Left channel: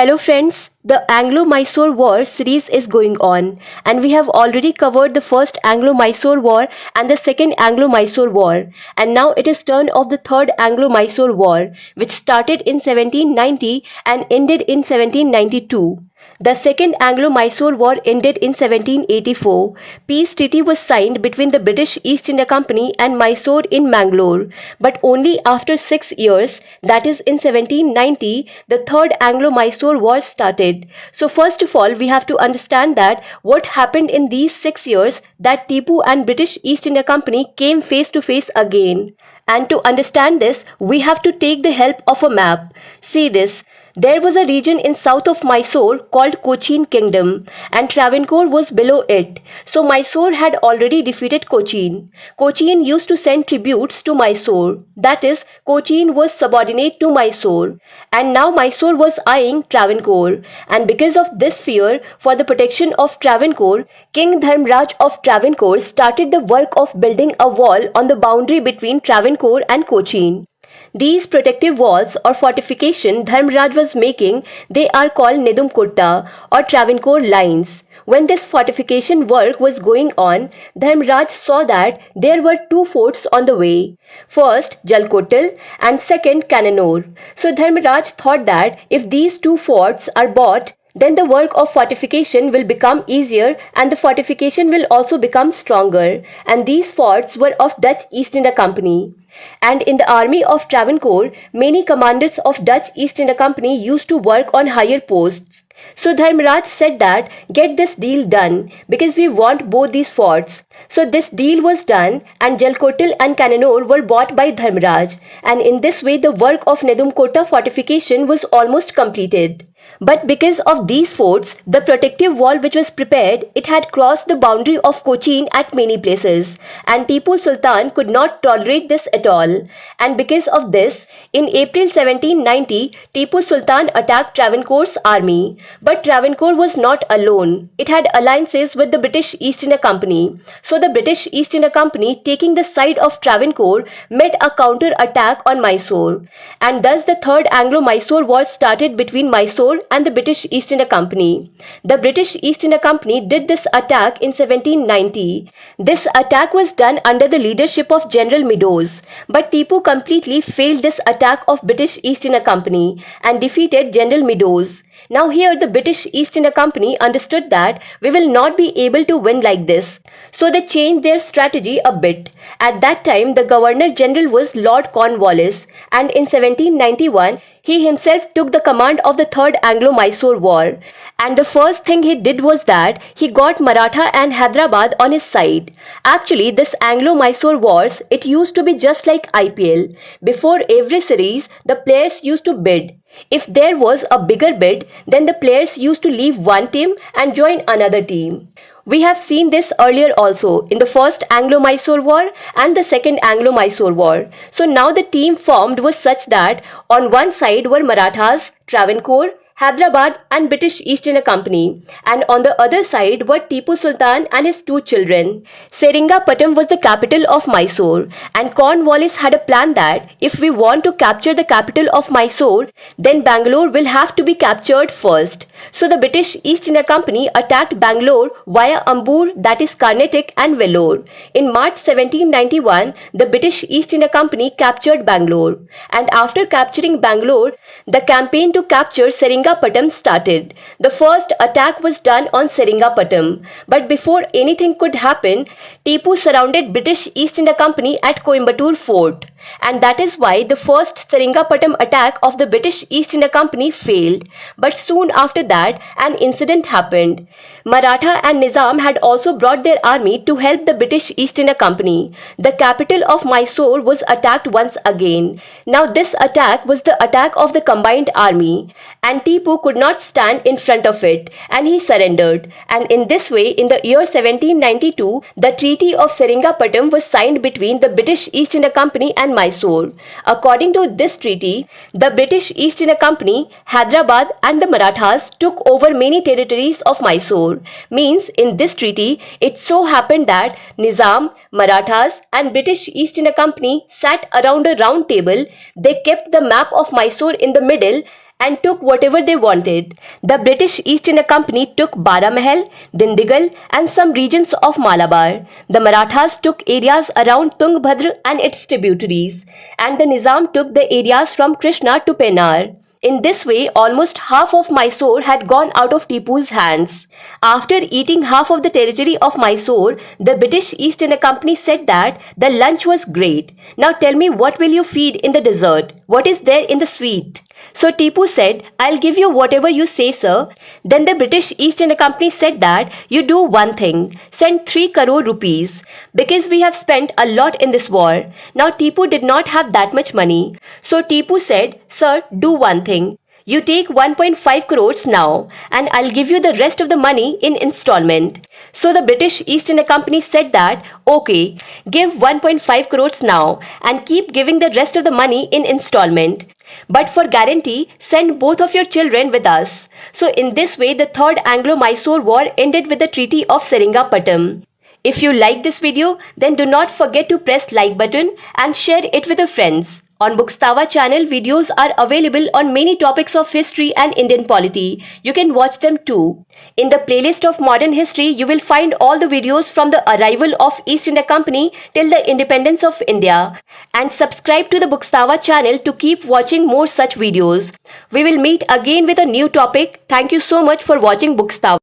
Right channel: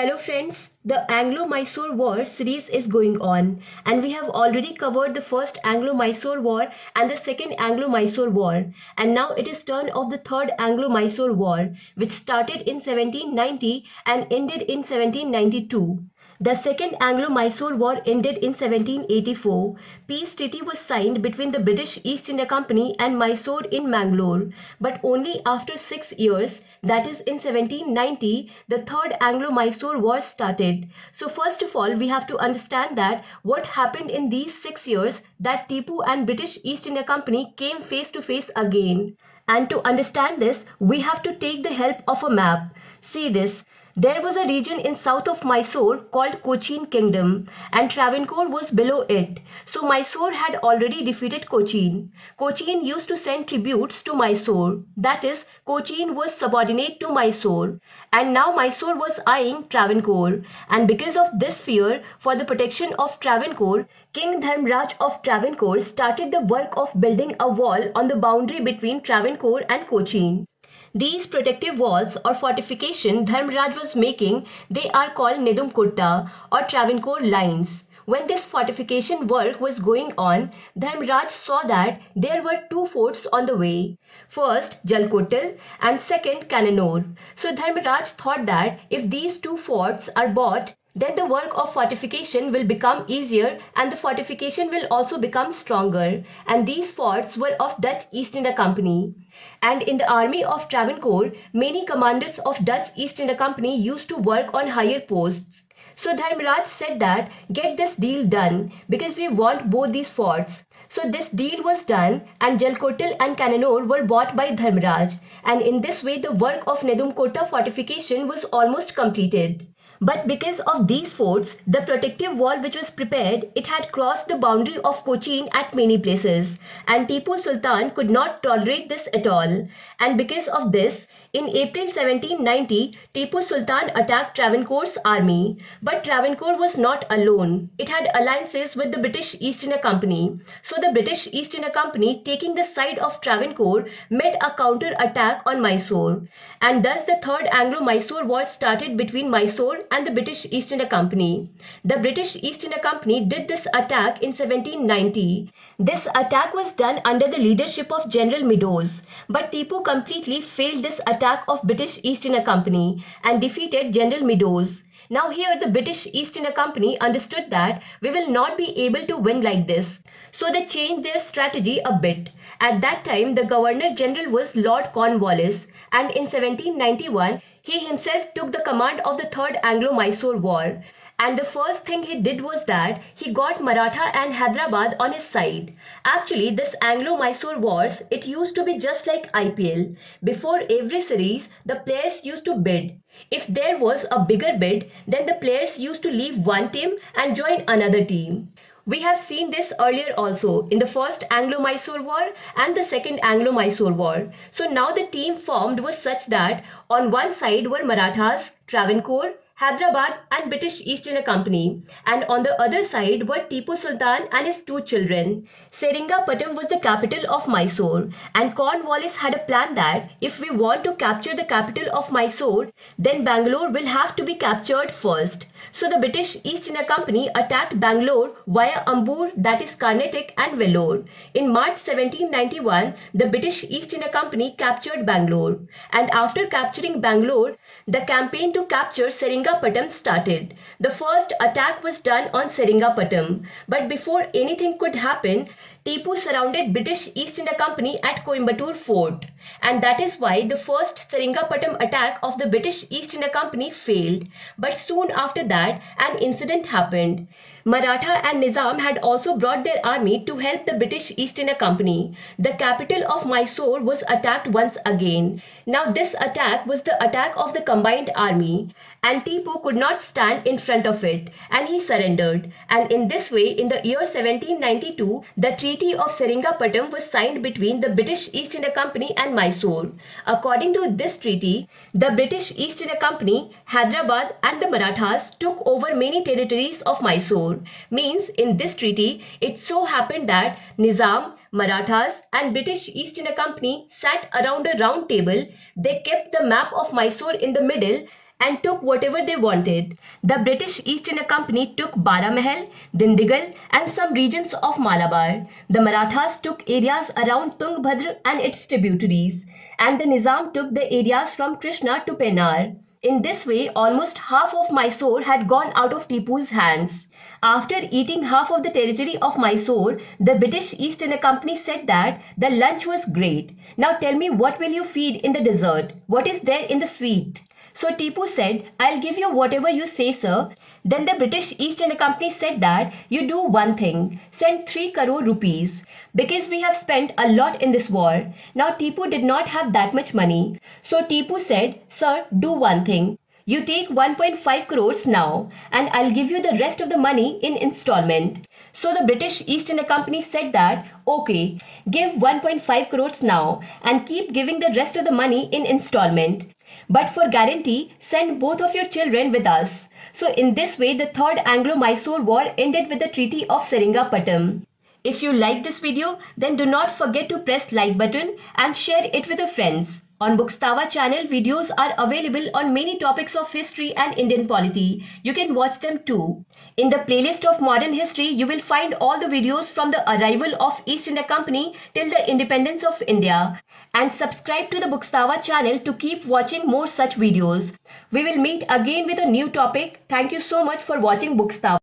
Hello friends, the Anglo Mysore War series is going on, and we have already covered the first Anglo Mysore War and the second Anglo Mysore War, and now it is turn of the third Anglo Mysore War, which started in 1790 and ended in 1792. The Second Anglo-Mysore War ended in 1784. Peace treaty was signed between the British East India Company and Mysore in Mangalore, but only after 6 years, that is in 1790, the Third Anglo-Mysore War started. So first of all, we have to understand that what happened in these 6 years that Tipu and British East India Company came face to face again. And to understand this, we have to take the help of a map. See this. There was a region in south of Mysore called Cochin Kingdom, and Travancore was below it. So Mysore had already defeated Cochin. Cochin used to send tributes to Mysore. That is, Cochin was subordinate to Mysore. And now Mysore was eyeing Travancore. And because of this fear for the protection of Travancore, King Dharmraj of Travancore started the work of building a wall on the boundary between Travancore and Cochin. These protective walls or fortification Dharmraj was making, they are called Nedumkotta or Travancore lines. When this fortification work was going on, Dharmraj saw that there were two forts on the way. First, Jalkotal and second, Cannanore. So Dharmraj thought that if these two forts are bought, then the work of fortification will become easier and the fortification will also become stronger. And these forts were of Dutch East India Company. And in the army of Travancore, many commanders of Dutch East India Company used to work on higher posts. So Dharmraj said that get this deal done because we want both these forts. So this deal was done and Jalkotal and Cannanore were bought by Dharmraj, and in this way the work of Nedumkota fortification was almost completed. But because of these forts, the protective wall which was prepared, it had crossed the boundary of Cochin at many places, and Tipu Sultan could not tolerate this at all. And because of this, in April 1790, Tipu Sultan attacked Travancore's army. But Travancore was not alone. It had alliances with the British East India Company. So the British East India Company, taking the side of Travancore, made a counter attack on Mysore. And thus the Third Anglo-Mysore War started between Mysore and the British East India Company. The British East India Company did this attack in 1790. This attack was done under the leadership of General Meadows, but Tipu completely failed this attack of British East India Company and defeated General Meadows. Now here the British East India Company understood that we will not be able to win like this. So they changed their strategy a bit. At that time the Governor General was Lord Cornwallis, and in 1791 he himself took the command of the Third Anglo-Mysore War. And the first thing he did was that he got Maratha and Hyderabad on his side. Actually, this Anglo-Mysore Wars, it used to be just like IPL. Before every series, the players used to bid. If there was a bigger bid, then the players used to leave one team and join another team. We have seen this earlier also in the first Anglo-Mysore War and the second Anglo-Mysore War. So now the team formed was such that on one side were Marathas, Travancore, Hyderabad and British East India Company, and on the other side were Tipu Sultan and his two children. Seringapatam was the capital of Mysore, and Cornwallis had a plan that if we want to capture the capital of Mysore, then Bangalore will have to be captured first. So the British East India Company attacked Bangalore via Ambur, that is Carnatic, and Vellore. In March 1791, the British East India Company captured Bangalore, and after capturing Bangalore, the campaign to capture Seringapatam started. The first attack was done on Seringapatam, but before anything could happen, Tipu surrounded British East India Company at Coimbatore Fort, and that is why the first Seringapatam attack of the British East India Company failed. But soon after that, an incident happened. Maratha and Nizam had also brought their army to help the British East India Company. The capital of Mysore was attacked once again. Now this attack was the attack of the combined army, and Tipu could not stand in front of it, and he surrendered. And in this way, in the year 1792, the Treaty of Seringapatam was signed between the British East India Company and Mysore. According to this treaty, the British East India Company, Hyderabad and the Marathas took over many territories of Mysore. Means in this treaty, it so happened that Nizam, Marathas and British East India Company sat around a round table. They kept the map of Mysore in the middle, and took whatever they wanted. The British East India Company took Baramahal, Dindigal, and some regions of Malabar. The Marathas took areas around Tungabhadra and its tributaries, and the Nizam took the areas from Krishna to Pennar. In this way, almost half of Mysore had gone out of Tipu's hands. After eating half of the territory of Mysore, the British East India Company said that the lunch was great. Now tell me, what will you feed in the dessert? What is there in the sweet? So Tipu said, I'll give you whatever you say, sir. Then the British East India Company said that you do one thing, send 3 crore rupees, because we have spent a lot in this war. Now Tipu did not have that much money. So Tipu said, sir, do one thing. You take 1.5 crores now, and I'll give you the rest of the money in installment. So the British East India Company said that, okay, give 1.5 crores now and keep giving the rest of the money in installment. But for guarantee, send both of your children with us. So in this way, the Third Anglo-Mysore War ended with the Treaty of Seringapatam. If you like this video, then do not forget to press like button and share it with your friends. On Bookstava channel, videos are available on many topics of history and Indian polity. You can watch them too. In the playlist of modern history, you will find all the videos from the arrival of East India Company till the independence of India. And subscribe to the Bookstava channel to keep watching more such videos. We will meet again with a new topic. Thank you so much for watching Bookstava.